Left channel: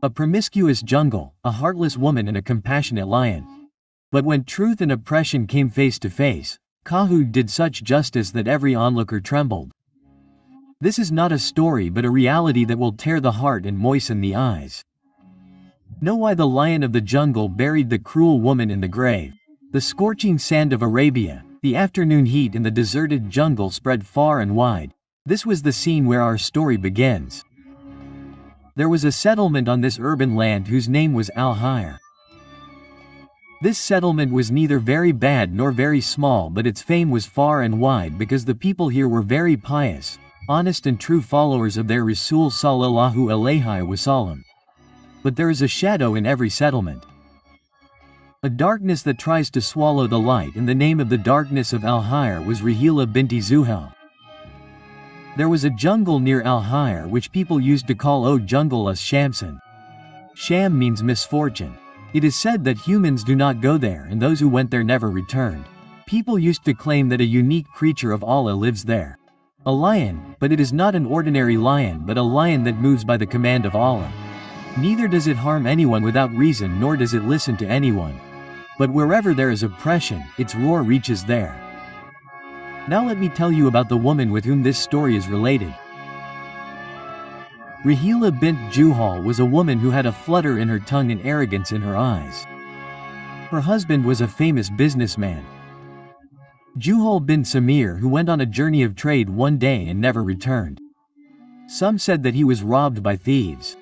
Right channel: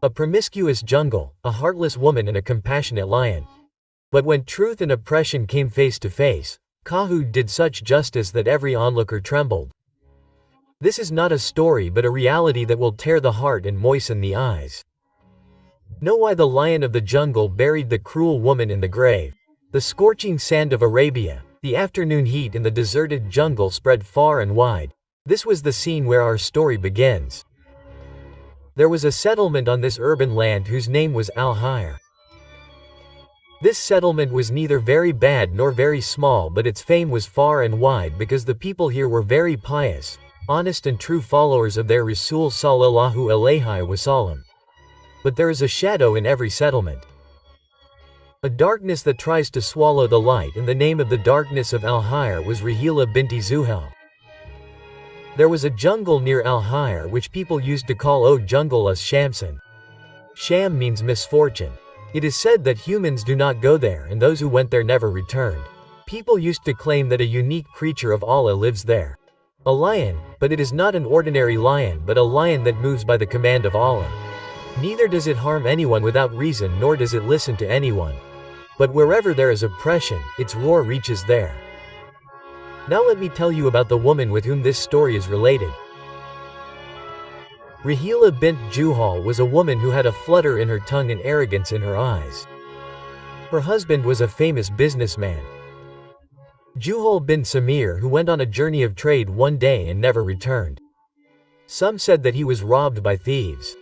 A promiscuous jungle, a heartless woman and a compassionate lion. But when truth and oppression came face to face, Kahoot did such justice that every onlooker trembled. This is not a story but a reality that will tear the heart and moisten the eyes. Know why the lion of the jungle buried the cruel woman in the grave. The scorching sand of Arabia, the afternoon heat in the deserted jungle spread far and wide. This was the scene where our story begins. There was a settlement on this urban land whose name was Alhire. This settlement was neither very bad nor very small, but its fame was far and wide because the people here were very pious, honest and true followers of their Rasul sallallahu alayhi wasallam. But there is a shadow in every settlement. A darkness that tries to swallow the light, and the name of the darkness of Alhire was Rahila binti Zuhal. There was a jungle near Alhire which people used to call O Jungle as Shamsin. Sham means misfortune. It is said that humans do not go there and those who went there never returned. People used to claim that a unique creature of Allah lives there. A lion, but it is not an ordinary lion but a lion that moves by the command of Allah. Neither does it harm anyone without reason nor does it listen to anyone. But wherever there is oppression, its roar reaches there. Now let me tell you about the woman with whom this story is related. Rahila bint Juhal was a woman who had a flutter in her tongue and arrogance in her eyes. Her husband was a famous businessman, Juhal bin Samir, who went on a journey of trade one day and never returned. Some said that he was robbed by thieves.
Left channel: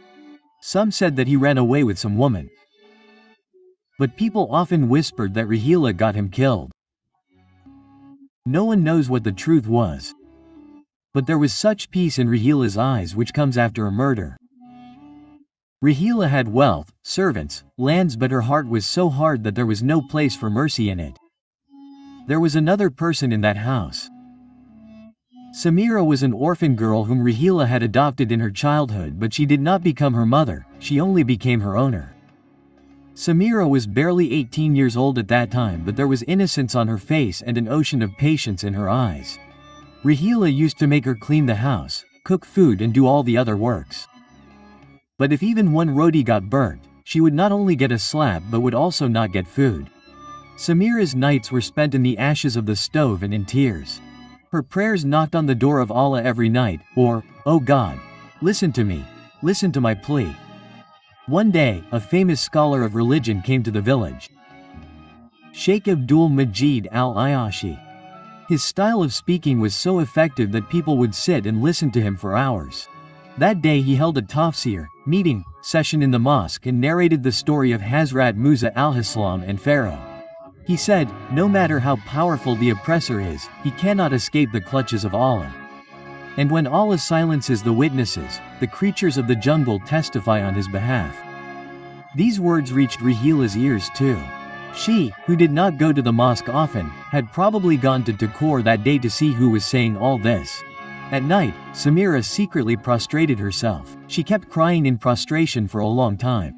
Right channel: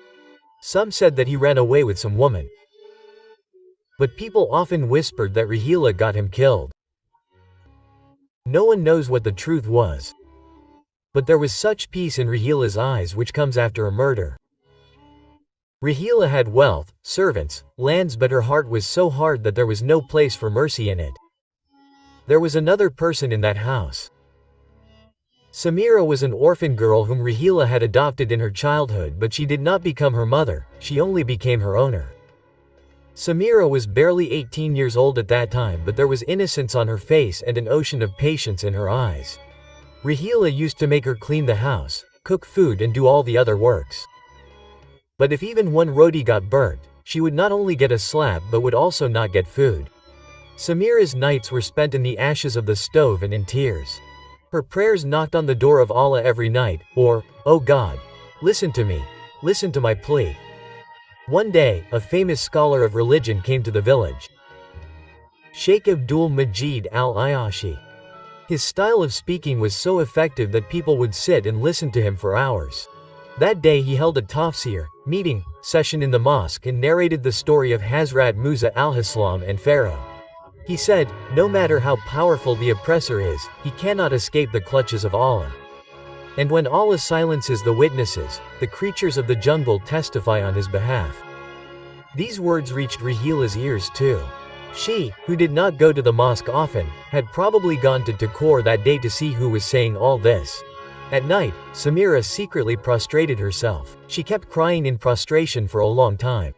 Some said that he ran away with some woman. But people often whispered that Rahila got him killed. No one knows what the truth was. But there was such peace in Rahila's eyes which comes after a murder. Rahila had wealth, servants, lands, but her heart was so hard that there was no place for mercy in it. There was another person in that house. Samira was an orphan girl whom Rahila had adopted in her childhood, but she did not become her mother, she only became her owner. Samira was barely 18 years old at that time, but there was innocence on her face and an ocean of patience in her eyes. Rahila used to make her clean the house, cook food and do all the other works. But if even one roti got burnt, she would not only get a slap but would also not get food. Samira's nights were spent in the ashes of the stove and in tears. Her prayers knocked on the door of Allah every night, or, "Oh God, listen to me, listen to my plea." One day, a famous scholar of religion came to the village. Sheikh Abdul Majid al-Ayashi. His style of speaking was so effective that people would sit and listen to him for hours. That day he held a tafsir meeting session in the mosque and narrated the story of Hazrat Musa al-Islam and Pharaoh. He said, no matter how powerful the oppressor is, he cannot escape the clutches of Allah. And when Allah silences the witnesses, the creatures of the jungle testify on his behalf. These words reached Rahila's ears too. She, who did not go to the mosque often, had probably gone to Takor that day to see who was saying all this. At night, Samira secretly prostrated herself. She kept crying in prostration for a long time.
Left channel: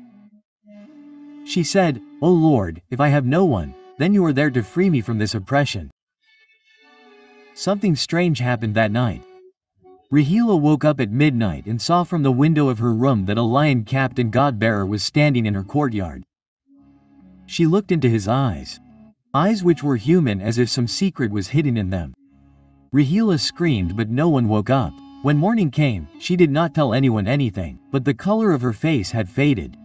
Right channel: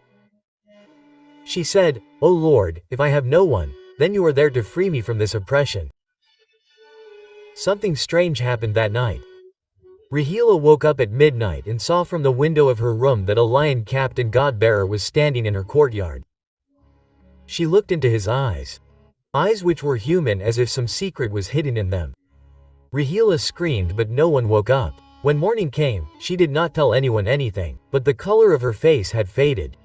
She said, "O Lord, if I have no one, then you are there to free me from this oppression." Something strange happened that night. Rahila woke up at midnight and saw from the window of her room that a lion-capped and God-bearer was standing in her courtyard. She looked into his eyes. Eyes which were human, as if some secret was hidden in them. Rahila screamed, but no one woke up. When morning came, she did not tell anyone anything, but the color of her face had faded.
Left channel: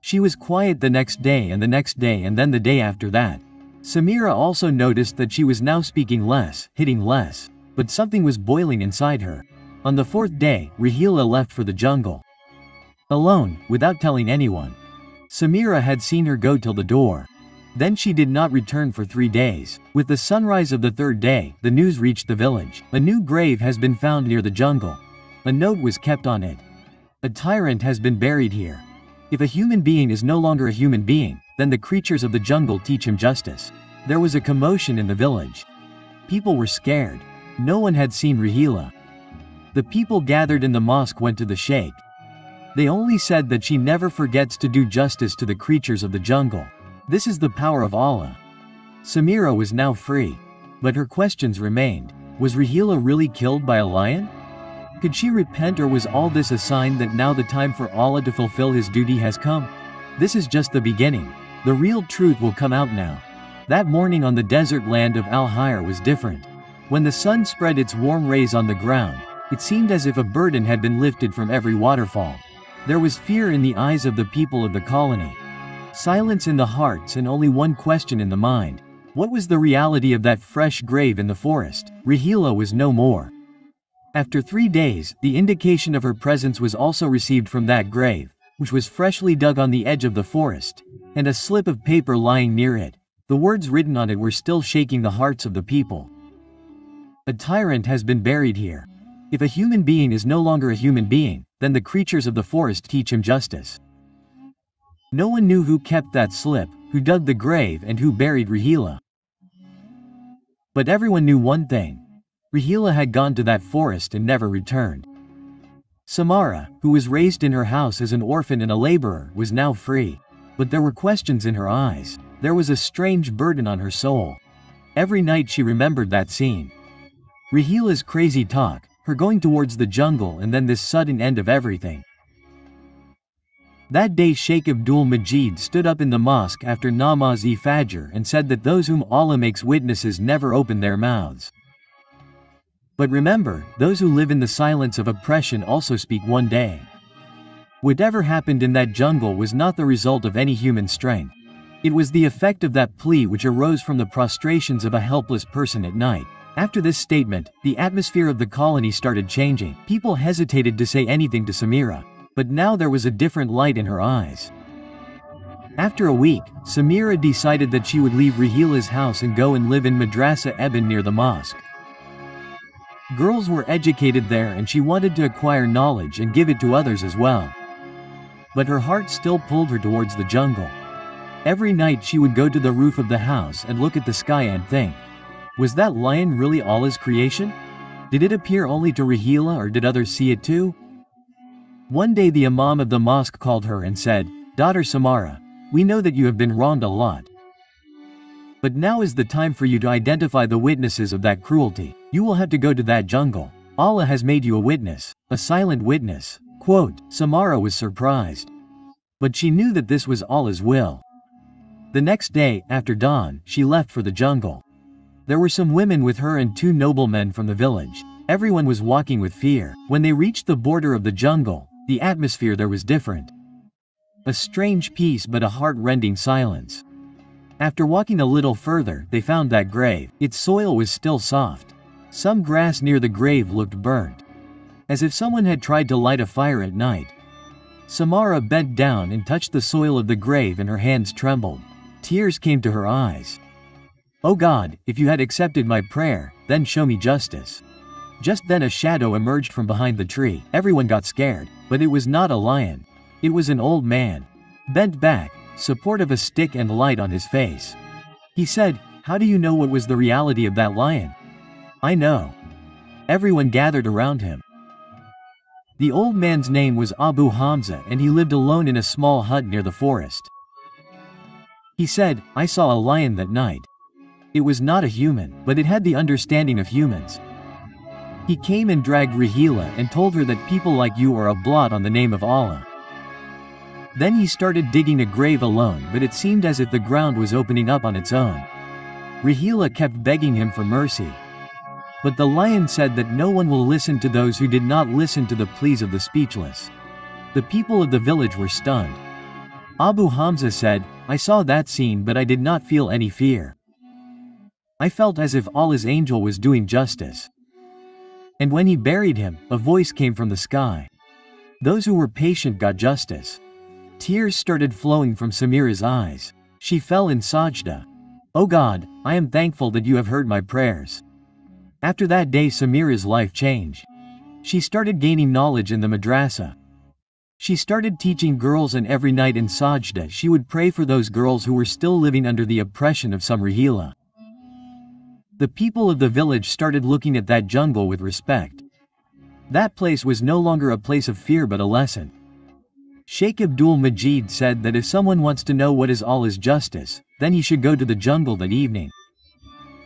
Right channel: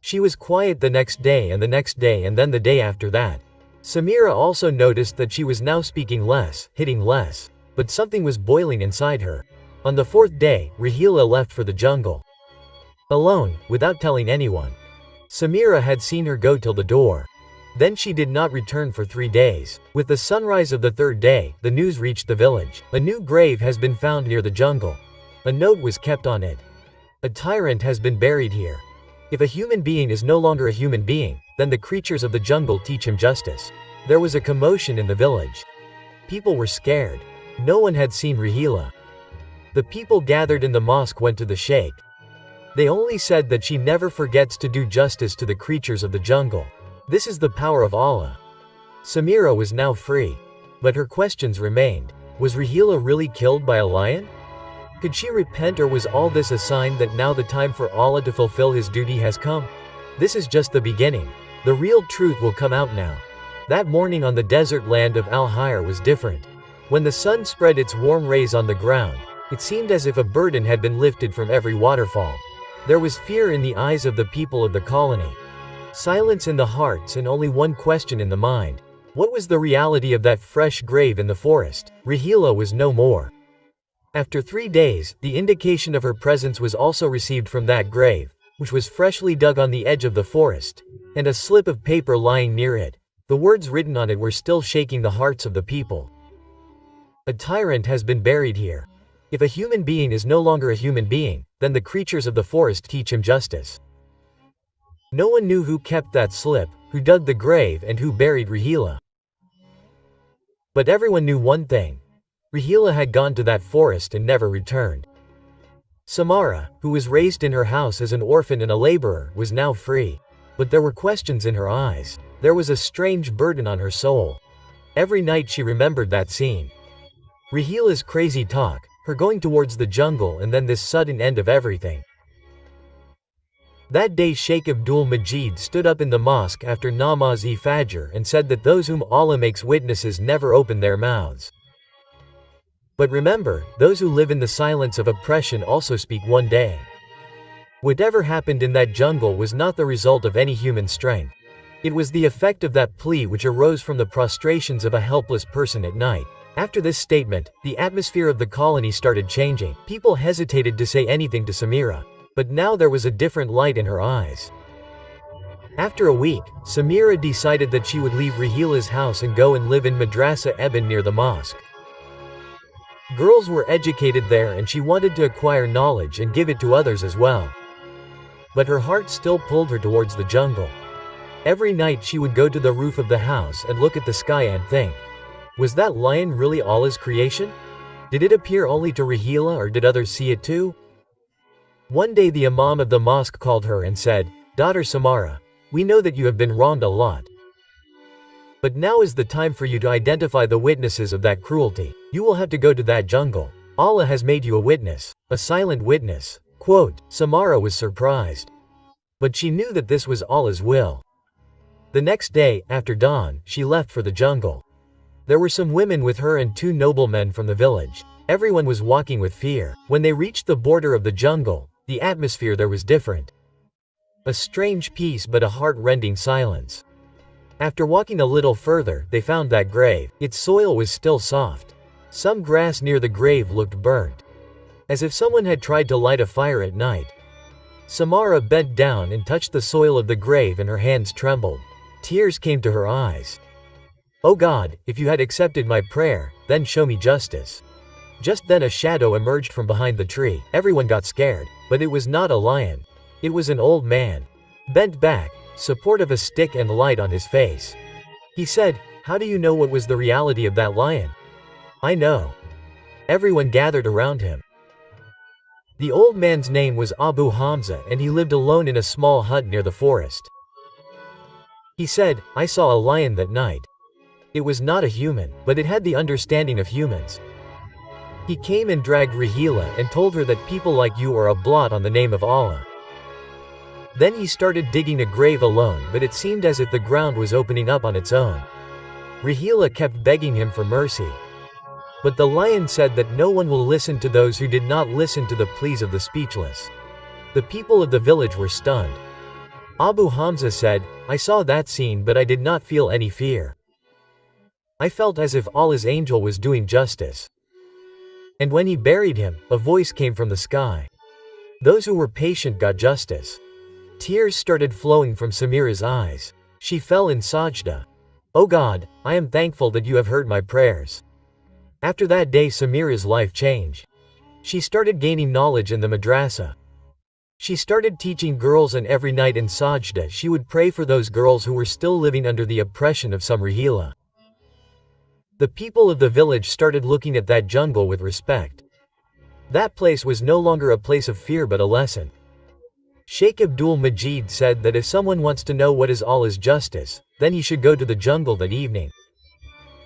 She was quiet the next day and the next day and then the day after that. Samira also noticed that she was now speaking less, hitting less, but something was boiling inside her. On the fourth day, Rahila left for the jungle. Alone, without telling anyone. Samira had seen her go till the door. Then she did not return for 3 days. With the sunrise of the third day, the news reached the village. A new grave has been found near the jungle. A note was kept on it. A tyrant has been buried here. If a human being is no longer a human being, then the creatures of the jungle teach him justice. There was a commotion in the village. People were scared. No one had seen Rahila. The people gathered in the mosque went to the sheikh. They only said that she never forgets to do justice to the creatures of the jungle. This is the power of Allah. Samira was now free. But her questions remained. Was Rahila really killed by a lion? Could she repent, or was all this a sign that now the time for Allah to fulfill his duty has come? This is just the beginning. The real truth will come out now. That morning on the desert land of Alhire was different. When the sun spread its warm rays on the ground, it seemed as if a burden had been lifted from every waterfall. There was fear in the eyes of the people of the colony, silence in the hearts, and only one question in the mind. What was the reality of that fresh grave in the forest? Rahila was no more. After 3 days, the indication of her presence was also received from that grave, which was freshly dug on the edge of the forest, and a slip of paper lying near it. The words written on it were still shaking the hearts of the people. A tyrant has been buried here. If a human being is no longer a human being, then the creatures of the forest teach him justice. No one knew who kept that slip, who dug the grave, and who buried Rahila. But everyone knew one thing. Rahila had gone to that forest and never returned. Samira, who was raised in her house as an orphan and a laborer, was now free. But there were questions in her eyes. There was a strange burden on her soul. Every night she remembered that scene. Rahila's crazy talk, her going towards the jungle, and then this sudden end of everything. That day Sheikh Abdul Majid stood up in the mosque after Namaz-e-Fajr and said that those whom Allah makes witnesses never open their mouths. But remember, those who live in the silence of oppression also speak one day. Whatever happened in that jungle was not the result of any human strength. It was the effect of that plea which arose from the prostrations of a helpless person at night. After this statement, the atmosphere of the colony started changing. People hesitated to say anything to Samira. But now there was a different light in her eyes. After a week, Samira decided that she would leave Rahila's house and go and live in Madrasa Eben near the mosque. Girls were educated there and she wanted to acquire knowledge and give it to others as well. But her heart still pulled her towards the jungle. Every night she would go to the roof of the house and look at the sky and think, was that lion really Allah's creation? Did it appear only to Rahila, or did others see it too? One day the imam of the mosque called her and said, "Daughter Samira, we know that you have been wronged a lot. But now is the time for you to identify the witnesses of that cruelty. You will have to go to that jungle. Allah has made you a witness, a silent witness." Quote, Samira was surprised. But she knew that this was Allah's will. The next day, after dawn, she left for the jungle. There were some women with her and 2 noblemen from the village. Everyone was walking with fear. When they reached the border of the jungle, the atmosphere there was different. A strange peace, but a heart-rending silence. After walking a little further, they found that grave. Its soil was still soft. Some grass near the grave looked burnt, as if someone had tried to light a fire at night. Samira bent down and touched the soil of the grave, and her hands trembled. Tears came to her eyes. "Oh God, if you had accepted my prayer, then show me justice." Just then a shadow emerged from behind the tree. Everyone got scared, but it was not a lion. It was an old man, bent back, support of a stick and light on his face. He said, "How do you know what was the reality of that lion?" "I know." Everyone gathered around him. The old man's name was Abu Hamza, and he lived alone in a small hut near the forest. He said, "I saw a lion that night. It was not a human, but it had the understanding of humans. He came and dragged Rahila and told her that people like you are a blot on the name of Allah." Then he started digging a grave alone, but it seemed as if the ground was opening up on its own. Rahila kept begging him for mercy. But the lion said that no one will listen to those who did not listen to the pleas of the speechless. The people of the village were stunned. Abu Hamza said, "I saw that scene, but I did not feel any fear. I felt as if Allah's angel was doing justice." And when he buried him, a voice came from the sky. Those who were patient got justice. Tears started flowing from Samira's eyes. She fell in sajda. "Oh God, I am thankful that you have heard my prayers." After that day Samira's life changed. She started gaining knowledge in the madrasa. She started teaching girls, and every night in sajda she would pray for those girls who were still living under the oppression of some Rahila. The people of the village started looking at that jungle with respect. That place was no longer a place of fear but a lesson. Sheikh Abdul Majid said that if someone wants to know what is Allah's justice, then he should go to the jungle that evening.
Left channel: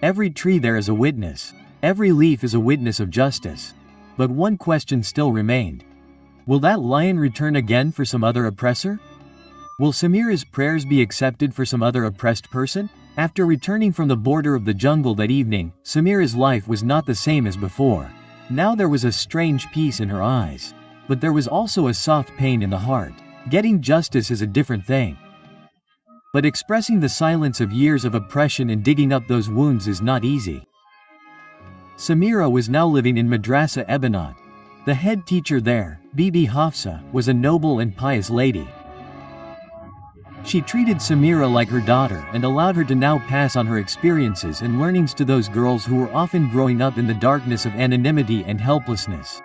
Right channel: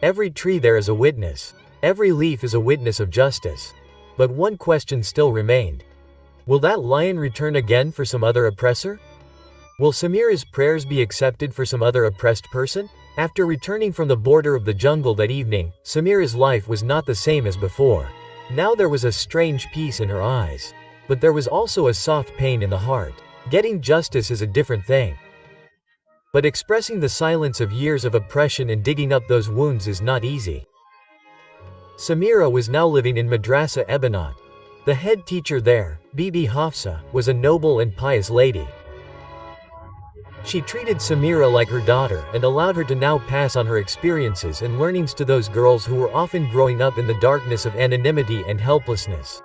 Every tree there is a witness. Every leaf is a witness of justice. But one question still remained. Will that lion return again for some other oppressor? Will Samira's prayers be accepted for some other oppressed person? After returning from the border of the jungle that evening, Samira's life was not the same as before. Now there was a strange peace in her eyes. But there was also a soft pain in the heart. Getting justice is a different thing. But expressing the silence of years of oppression and digging up those wounds is not easy. Samira was now living in Madrasa Ebanat. The head teacher there, Bibi Hafsa, was a noble and pious lady. She treated Samira like her daughter and allowed her to now pass on her experiences and learnings to those girls who were often growing up in the darkness of anonymity and helplessness.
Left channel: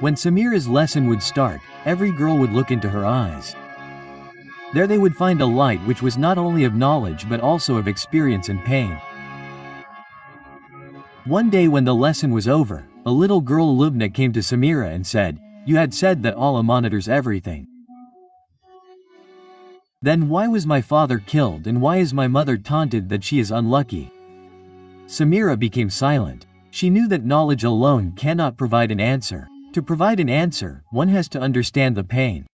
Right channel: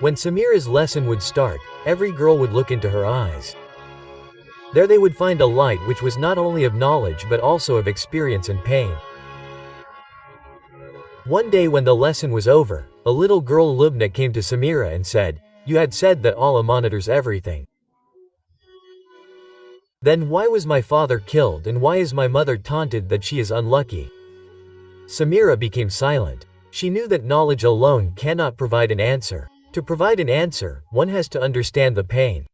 When Samira's lesson would start, every girl would look into her eyes. There they would find a light which was not only of knowledge but also of experience and pain. One day when the lesson was over, a little girl Lubna came to Samira and said, "You had said that Allah monitors everything. Then why was my father killed and why is my mother taunted that she is unlucky?" Samira became silent. She knew that knowledge alone cannot provide an answer. To provide an answer, one has to understand the pain.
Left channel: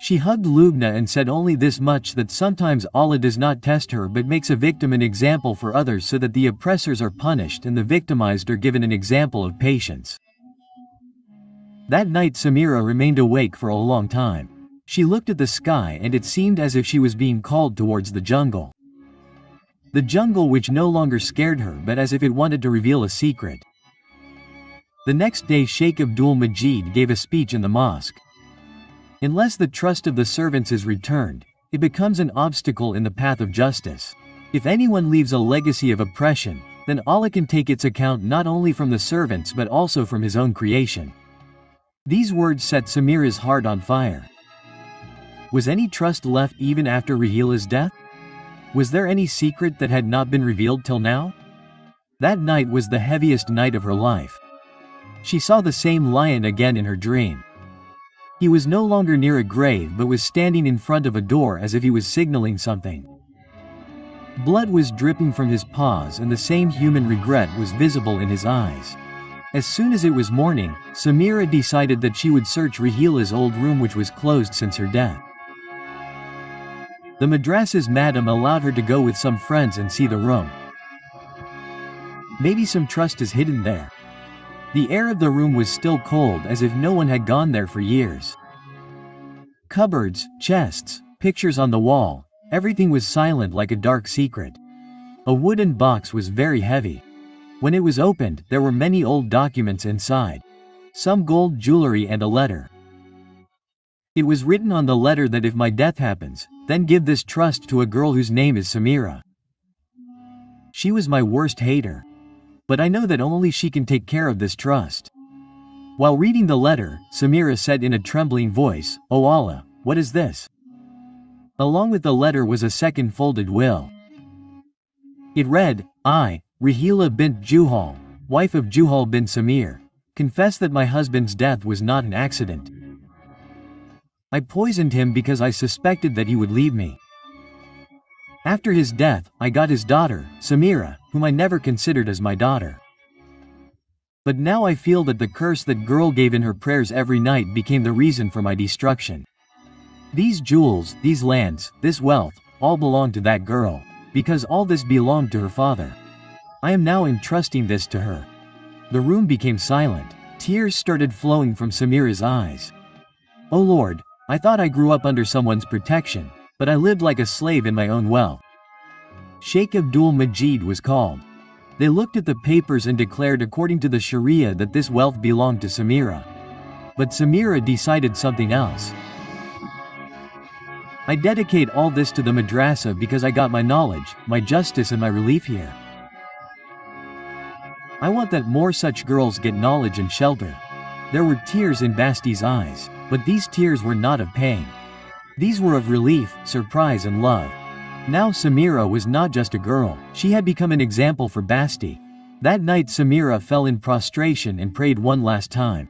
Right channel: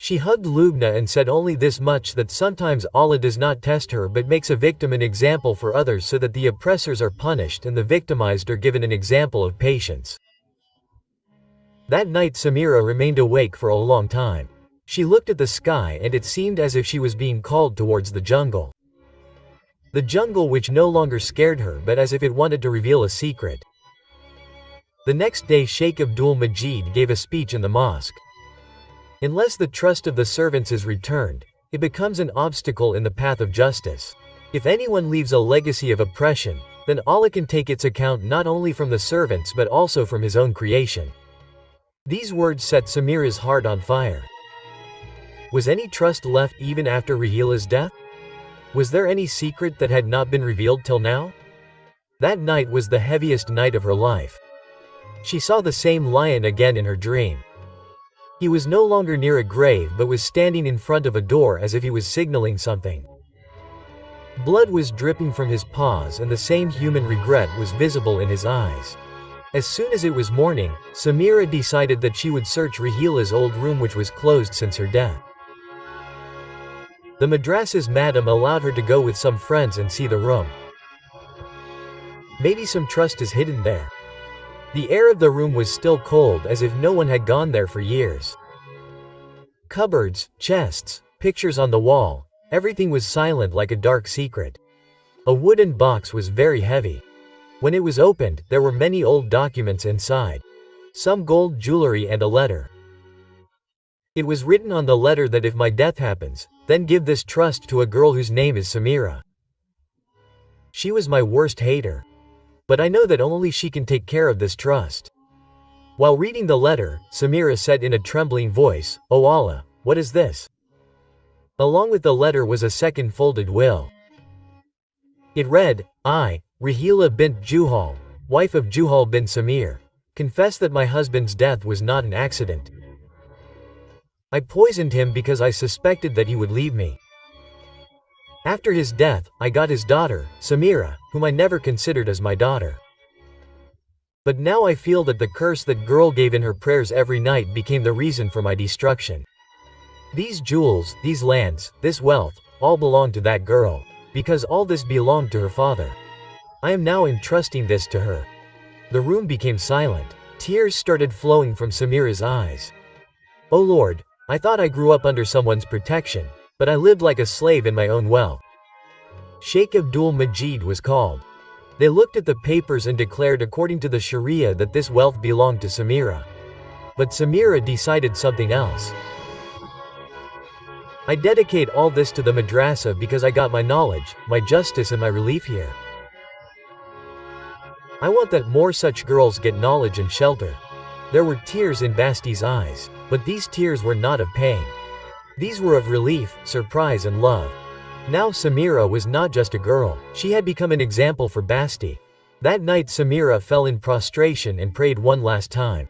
She hugged Lubna and said only this much, that sometimes Allah does not test her but makes a victim an example for others so that the oppressors are punished and the victimized are given an example of patience. That night Samira remained awake for a long time. She looked at the sky and it seemed as if she was being called towards the jungle. The jungle which no longer scared her but as if it wanted to reveal a secret. The next day Sheikh Abdul Majid gave a speech in the mosque. Unless the trust of the servants is returned, it becomes an obstacle in the path of justice. If anyone leaves a legacy of oppression, then Allah can take its account not only from the servants but also from His own creation. These words set Samira's heart on fire. Was any trust left even after Rahila's death? Was there any secret that had not been revealed till now? That night was the heaviest night of her life. She saw the same lion again in her dream. He was no longer near a grave but was standing in front of a door as if he was signaling something. Blood was dripping from his paws and the same human regret was visible in his eyes. As soon as it was morning, Samira decided that she would search Rahila's old room which was closed since her death. The madrasa's madam allowed her to go with some friends and see the room. Maybe some trust is hidden there. The air of the room was still cold as if no one had gone there for years. Cupboards, chests, pictures on the wall, everything was silent like a dark secret. A wooden box was very heavy. When it was opened, there were many old documents inside. Some gold jewelry and a letter. It was written on the letter that if my death happens, then give this trust to a girl whose name is Samira. She was my worst hater. But I know that only she can take care of this trust. While reading the letter, Samira said in a trembling voice, "O Allah, what is this?" Along with the letter was a second folded will. It read, "I, Rahila bint Juhal, wife of Juhal bin Samir, confess that my husband's death was not an accident. I poisoned him because I suspected that he would leave me. After his death, I got his daughter, Samira, whom I never considered as my daughter. But now I feel that the curse that girl gave in her prayers every night became the reason for my destruction. These jewels, these lands, this wealth, all belong to that girl, because all this belonged to her father. I am now entrusting this to her." The room became silent. Tears started flowing from Samira's eyes. "O Lord, I thought I grew up under someone's protection, but I lived like a slave in my own wealth." Sheikh Abdul Majid was called. They looked at the papers and declared according to the Sharia that this wealth belonged to Samira. But Samira decided something else. "I dedicate all this to the madrasa because I got my knowledge, my justice and my relief here. I want that more such girls get knowledge and shelter." There were tears in Basti's eyes, but these tears were not of pain. These were of relief, surprise and love. Now Samira was not just a girl, she had become an example for Basti. That night Samira fell in prostration and prayed one last time.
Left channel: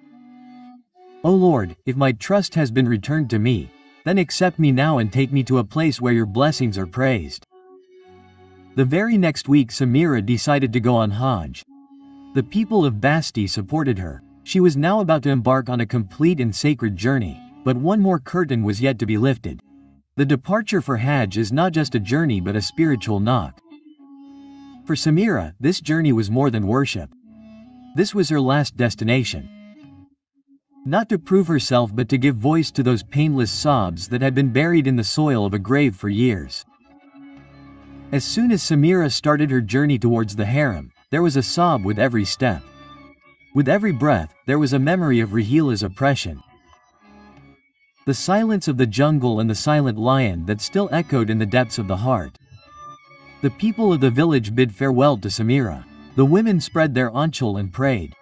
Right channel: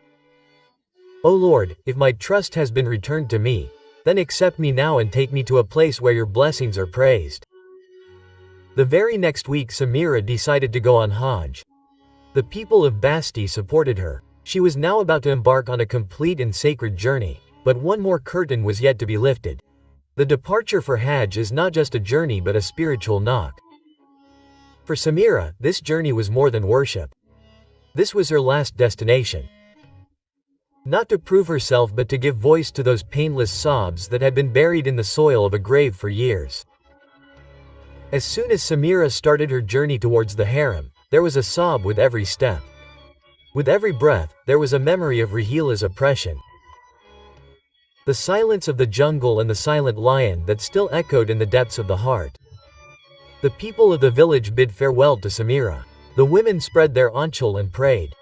"O Lord, if my trust has been returned to me, then accept me now and take me to a place where your blessings are praised." The very next week Samira decided to go on Hajj. The people of Basti supported her. She was now about to embark on a complete and sacred journey, but one more curtain was yet to be lifted. The departure for Hajj is not just a journey but a spiritual knock. For Samira, this journey was more than worship. This was her last destination. Not to prove herself but to give voice to those painless sobs that had been buried in the soil of a grave for years. As soon as Samira started her journey towards the harem, there was a sob with every step. With every breath, there was a memory of Rahila's oppression. The silence of the jungle and the silent lion that still echoed in the depths of the heart. The people of the village bid farewell to Samira. The women spread their anchal and prayed.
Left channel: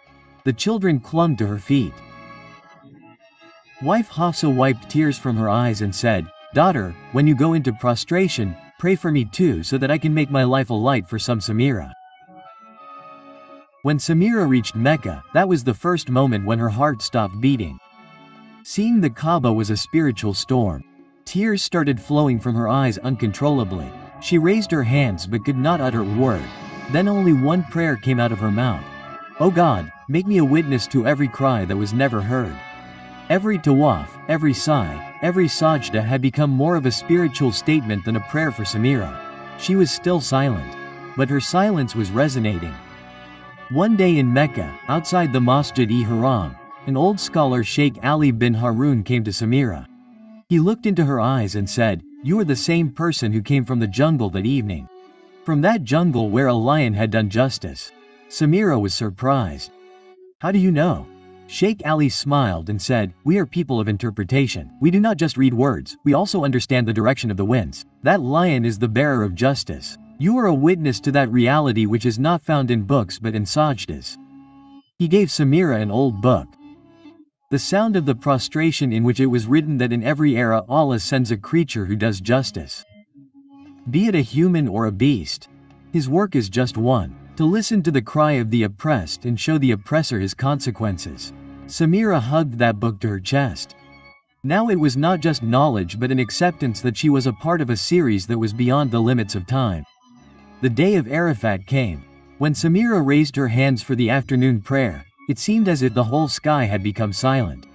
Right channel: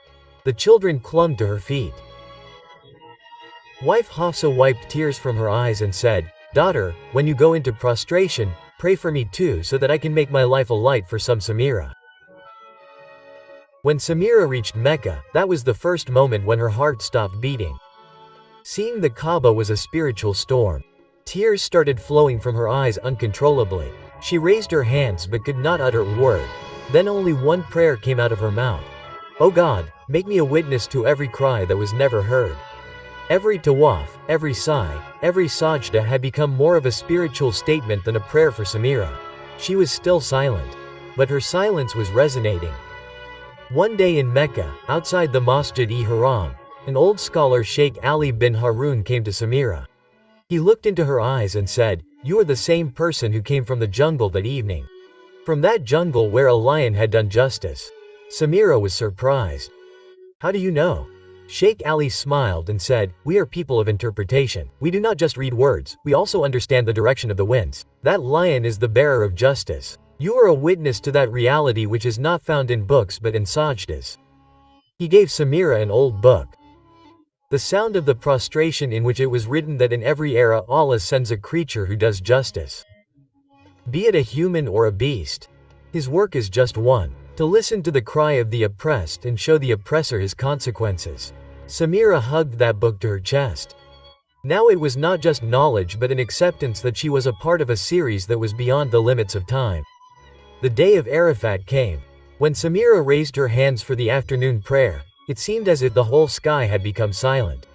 The children clung to her feet. Wife Hafsa wiped tears from her eyes and said, "Daughter, when you go into prostration, pray for me too so that I can make my life a light for some Samira." When Samira reached Mecca, that was the first moment when her heart stopped beating. Seeing the Kaaba was a spiritual storm. Tears started flowing from her eyes uncontrollably. She raised her hands but could not utter a word. Then only one prayer came out of her mouth. "O God, make me a witness to every cry that was never heard." Every tawaf, every sigh, every sajda had become more of a spiritual statement than a prayer for Samira. She was still silent. But her silence was resonating. One day in Mecca, outside the Masjid-e-Haram, an old scholar Sheikh Ali bin Harun came to Samira. He looked into her eyes and said, "You are the same person who came from the jungle that evening. From that jungle where a lion had done justice." Samira was surprised. "How do you know?" Sheikh Ali smiled and said, "We are people of interpretation. We do not just read words, we also understand the direction of the winds. That lion is the bearer of justice. You are a witness to that reality which is not found in books but in sajdas." He gave Samira an old book. The sound of the prostration in which it was written that in every era Allah sends a creature who does justice. Be it a human or a beast. His work is just one, to listen to the cry of the oppressed and show the oppressor his consequences. Samira hugged that book to her chest. Now it was not just knowledge but an acceptance that she was a part of a series that was beyond the limits of time. The day of Arafat came. When Samira raised her hands for the afternoon prayer, it seemed as if the whole sky had become silent.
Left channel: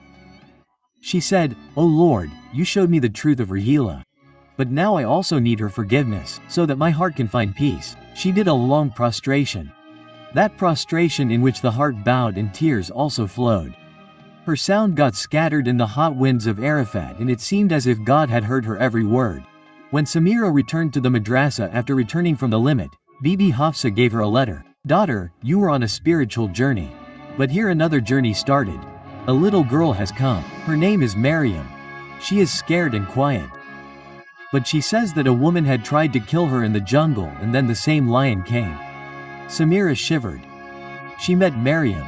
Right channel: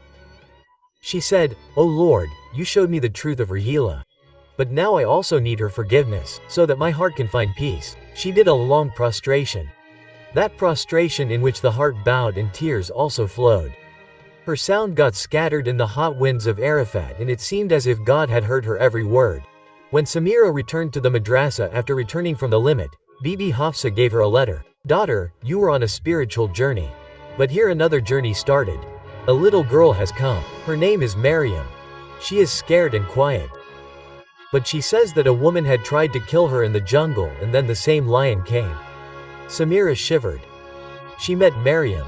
She said, "O Lord, you showed me the truth of Rahila. But now I also need her forgiveness, so that my heart can find peace." She did a long prostration. That prostration in which the heart bowed and tears also flowed. Her sound got scattered in the hot winds of Arafat and it seemed as if God had heard her every word. When Samira returned to the madrasa after returning from the limit, Bibi Hafsa gave her a letter. "Daughter, you were on a spiritual journey. But here another journey started. A little girl has come. Her name is Maryam. She is scared and quiet. But she says that a woman had tried to kill her in the jungle and then the same lion came." Samira shivered. She met Maryam.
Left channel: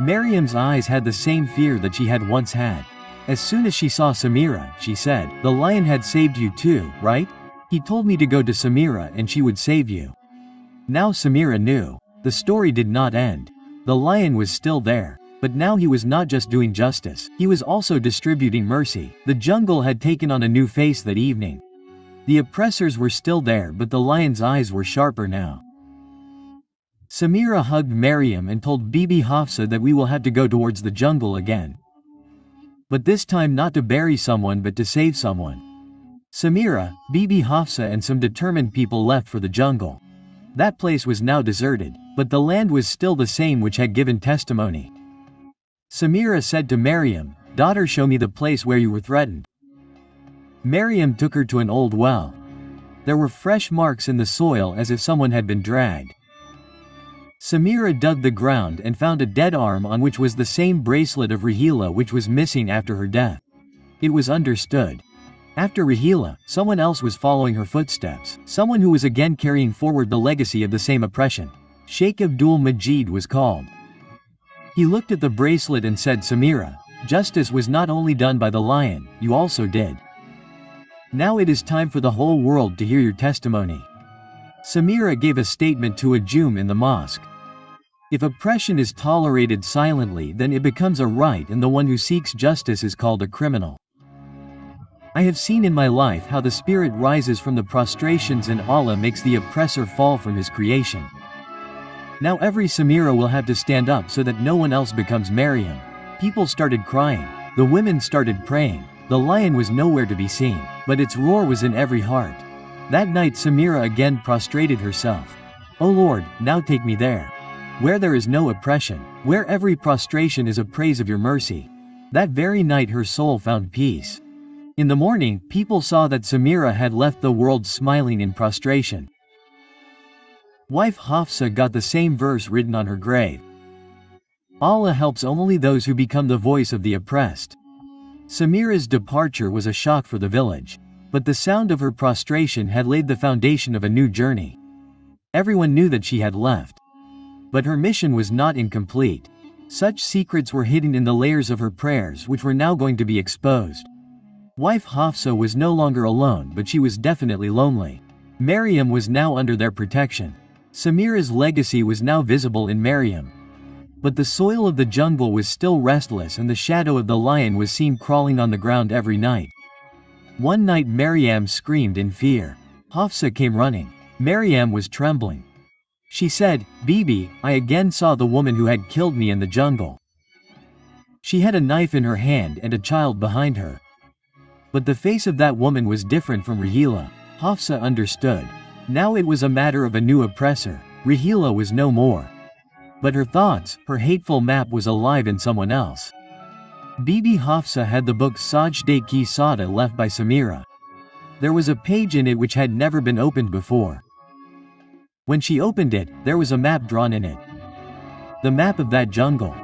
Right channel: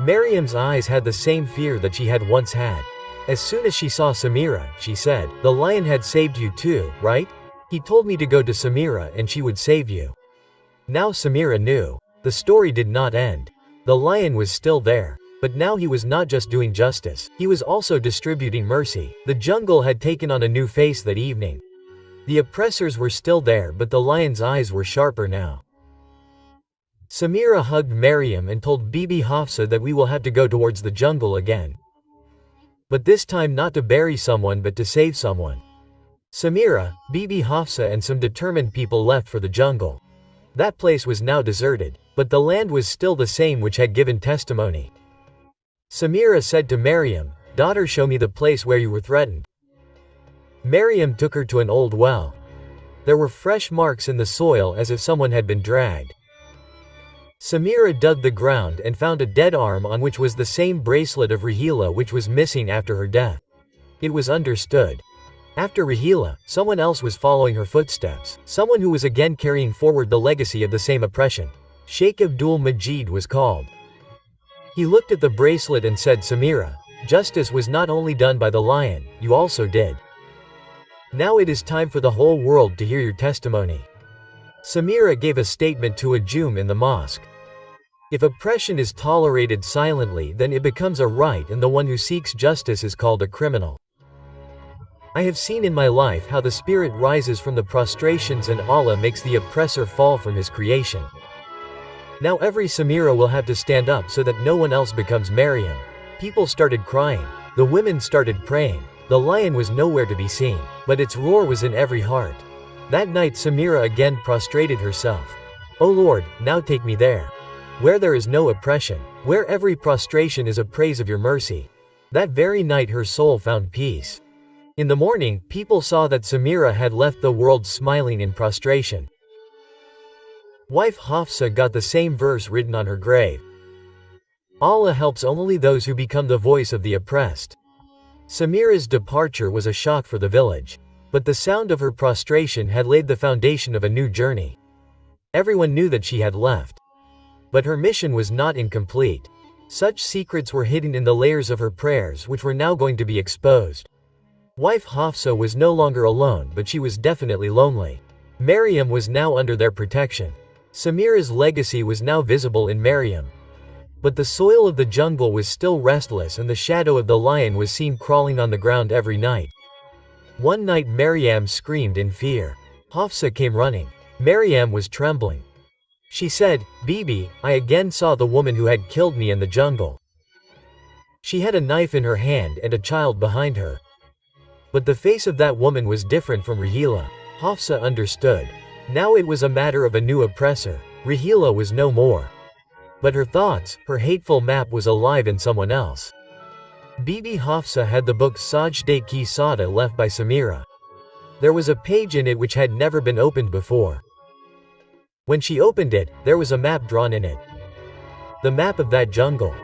Maryam's eyes had the same fear that she had once had. As soon as she saw Samira, she said, "The lion had saved you too, right? He told me to go to Samira and she would save you." Now Samira knew. The story did not end. The lion was still there. But now he was not just doing justice, he was also distributing mercy. The jungle had taken on a new face that evening. The oppressors were still there but the lion's eyes were sharper now. Samira hugged Maryam and told Bibi Hafsa that we will have to go towards the jungle again. But this time not to bury someone but to save someone. Samira, Bibi Hafsa and some determined people left for the jungle. That place was now deserted, but the land was still the same which had given testimony. Samira said to Maryam, "Daughter, show me the place where you were threatened." Maryam took her to an old well. There were fresh marks in the soil as if someone had been dragged. Samira dug the ground and found a dead arm on which was the same bracelet of Rahila which was missing after her death. It was understood. After Rahila, someone else was following her footsteps, someone who was again carrying forward the legacy of the same oppression. Sheikh Abdul Majid was called. He looked at the bracelet and said, "Samira, justice was not only done by the lion, you also did. Now it is time for the whole world to hear your testimony." Samira gave a statement to a Jum in the mosque. If oppression is tolerated silently, then it becomes a right and the one who seeks justice is called a criminal. I have seen in my life how the spirit rises from the prostrations and Allah makes the oppressor fall from his creation. Now every Samira will have to stand up so that no one else becomes Maryam. People started crying. The women started praying. The lion was nowhere to be seen, but its roar was in every heart. That night Samira again prostrated herself. O Lord, now take me there, where there is no oppression, where every prostration is a praise of your mercy. That very night her soul found peace. In the morning, people saw that Samira had left the world smiling in prostration. Wife Hafsa got the same verse written on her grave. Allah helps only those who become the voice of the oppressed. Samira's departure was a shock for the village. But the sound of her prostration had laid the foundation of a new journey. Everyone knew that she had left. But her mission was not incomplete. Such secrets were hidden in the layers of her prayers which were now going to be exposed. Wife Hafsa was no longer alone, but she was definitely lonely. Maryam was now under their protection. Samira's legacy was now visible in Maryam. But the soil of the jungle was still restless and the shadow of the lion was seen crawling on the ground every night. One night Maryam screamed in fear. Hafsa came running. Maryam was trembling. She said, Bibi, I again saw the woman who had killed me in the jungle. She had a knife in her hand and a child behind her. But the face of that woman was different from Rahila. Hafsa understood. Now it was a matter of a new oppressor. Rahila was no more. But her thoughts, her hateful map was alive in someone else. Bibi Hafsa had the book Sajde Ki Sada left by Samira. There was a page in it which had never been opened before. When she opened it, there was a map drawn in it. The map of that jungle.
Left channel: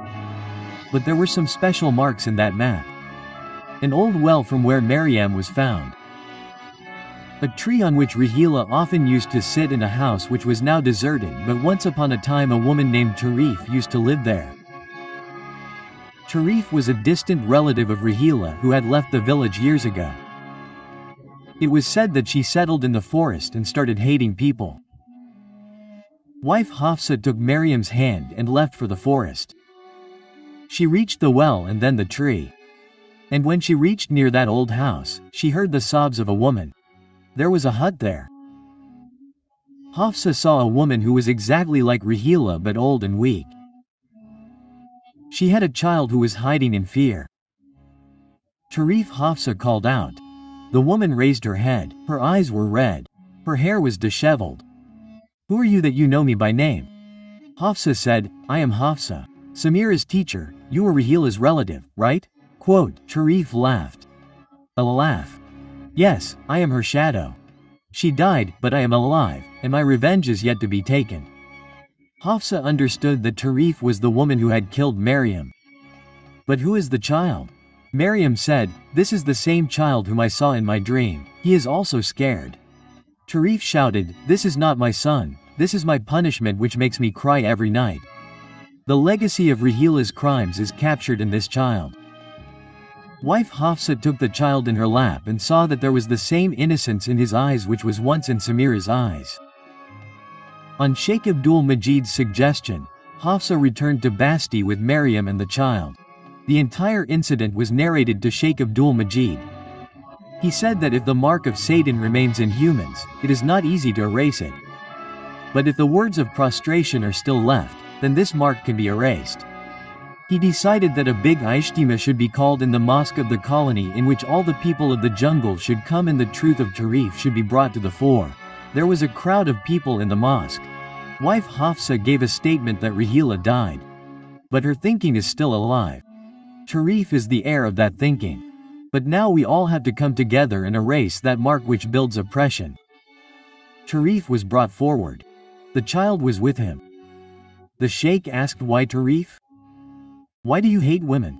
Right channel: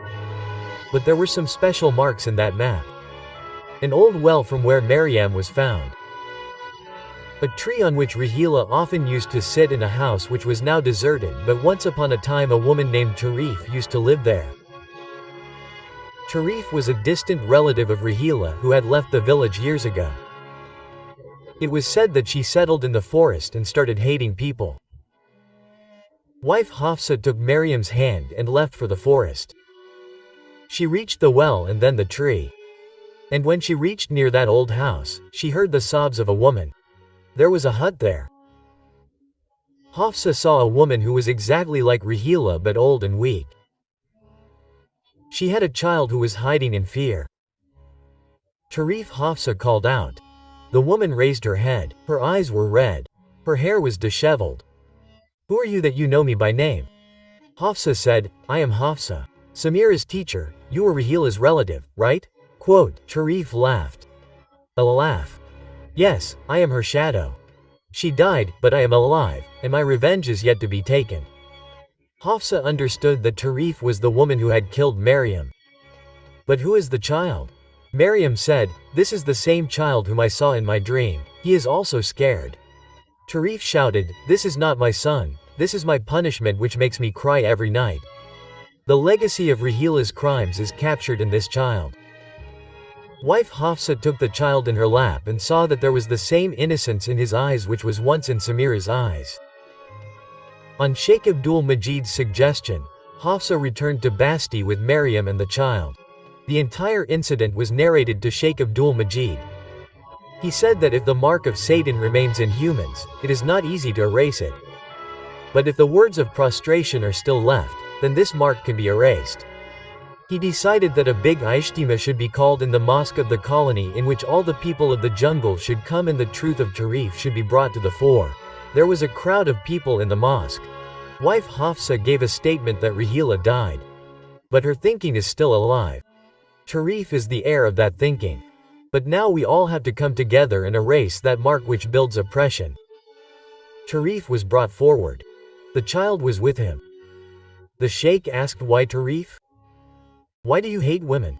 But there were some special marks in that map. An old well from where Maryam was found. A tree on which Rahila often used to sit in a house which was now deserted, but once upon a time a woman named Tarif used to live there. Tarif was a distant relative of Rahila who had left the village years ago. It was said that she settled in the forest and started hating people. Wife Hafsa took Maryam's hand and left for the forest. She reached the well and then the tree. And when she reached near that old house, she heard the sobs of a woman. There was a hut there. Hafsa saw a woman who was exactly like Rahila but old and weak. She had a child who was hiding in fear. Tarif Hafsa called out. The woman raised her head. Her eyes were red. Her hair was disheveled. Who are you that you know me by name? Hafsa said, I am Hafsa, Samira's teacher. You were Rahila's relative, right? Quote, Tarif laughed. A laugh. Yes, I am her shadow. She died, but I am alive, and my revenge is yet to be taken. Hafsa understood that Tarif was the woman who had killed Maryam. But who is the child? Maryam said, This is the same child whom I saw in my dream. He is also scared. Tarif shouted, This is not my son. This is my punishment which makes me cry every night. The legacy of Rahila's crimes is captured in this child. Wife Hafsa took the child in her lap and saw that there was the same innocence in his eyes which was once in Samira's eyes. On Sheikh Abdul Majid's suggestion, Hafsa returned to Basti with Maryam and the child. The entire incident was narrated to Sheikh Abdul Majid. He said that if the mark of Satan remains in humans, it is not easy to erase it. But if the words of prostration are still left, then this mark can be erased. He decided that a big Ijtima should be called in the mosque of the colony in which all the people of the jungle should come and the truth of Tarif should be brought to the fore. There was a crowd of people in the mosque. Wife Hafsa gave a statement that Rahila died. But her thinking is still alive. Tarif is the heir of that thinking. But now we all have to come together and erase that mark which builds oppression. Tarif was brought forward. The child was with him. The sheikh asked, Why Tarif? Why do you hate women?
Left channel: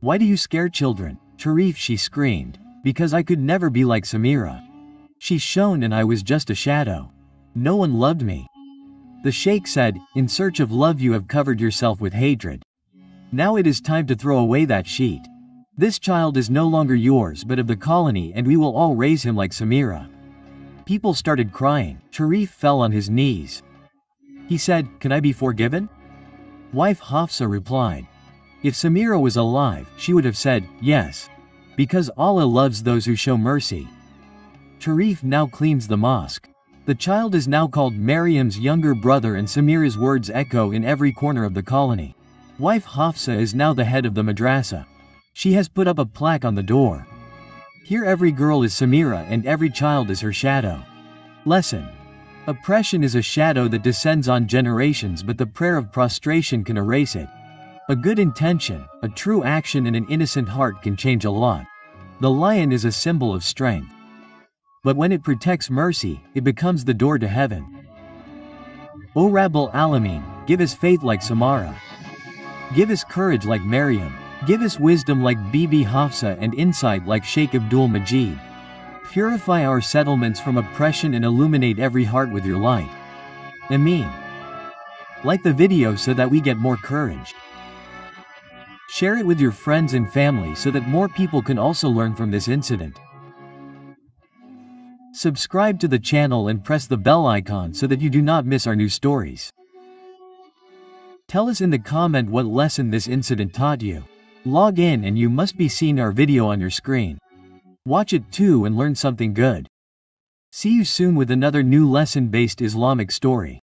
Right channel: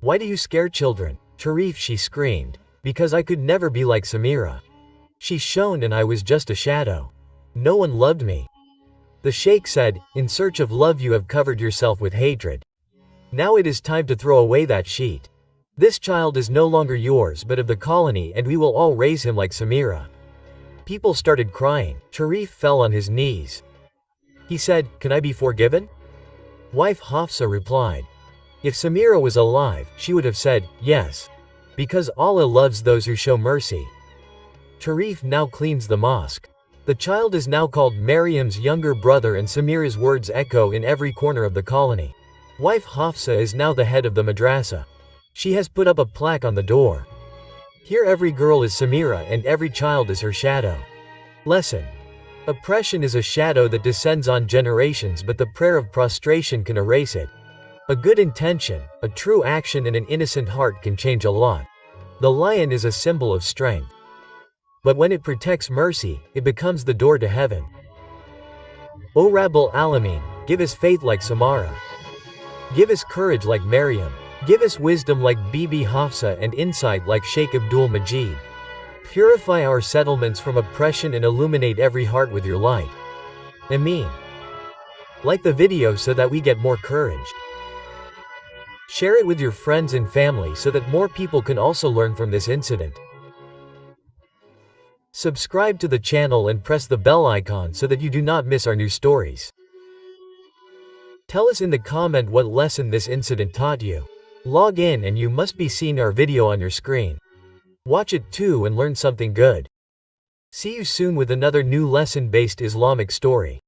Why do you scare children? Tarif, she screamed. Because I could never be like Samira. She shone and I was just a shadow. No one loved me. The sheikh said, In search of love you have covered yourself with hatred. Now it is time to throw away that sheet. This child is no longer yours but of the colony and we will all raise him like Samira. People started crying. Tarif fell on his knees. He said, Can I be forgiven? Wife Hafsa replied. If Samira was alive, she would have said, Yes. Because Allah loves those who show mercy. Tarif now cleans the mosque. The child is now called Maryam's younger brother, and Samira's words echo in every corner of the colony. Wife Hafsa is now the head of the madrasa. She has put up a plaque on the door. Here every girl is Samira and every child is her shadow. Lesson: oppression is a shadow that descends on generations, but the prayer of prostration can erase it. A good intention, a true action, and an innocent heart can change a lot. The lion is a symbol of strength. But when it protects mercy, it becomes the door to heaven. O Rabbul Alameen, give us faith like Samara. Give us courage like Maryam. Give us wisdom like Bibi Hafsa and insight like Sheikh Abdul Majid. Purify our settlements from oppression and illuminate every heart with your light. Ameen. Like the video so that we get more courage. Share it with your friends and family so that more people can also learn from this incident. Subscribe to the channel and press the bell icon so that you do not miss our new stories. Tell us in the comment what lesson this incident taught you. Log in and you must be seeing our video on your screen. Watch it too and learn something good. See you soon with another new lesson-based Islamic story.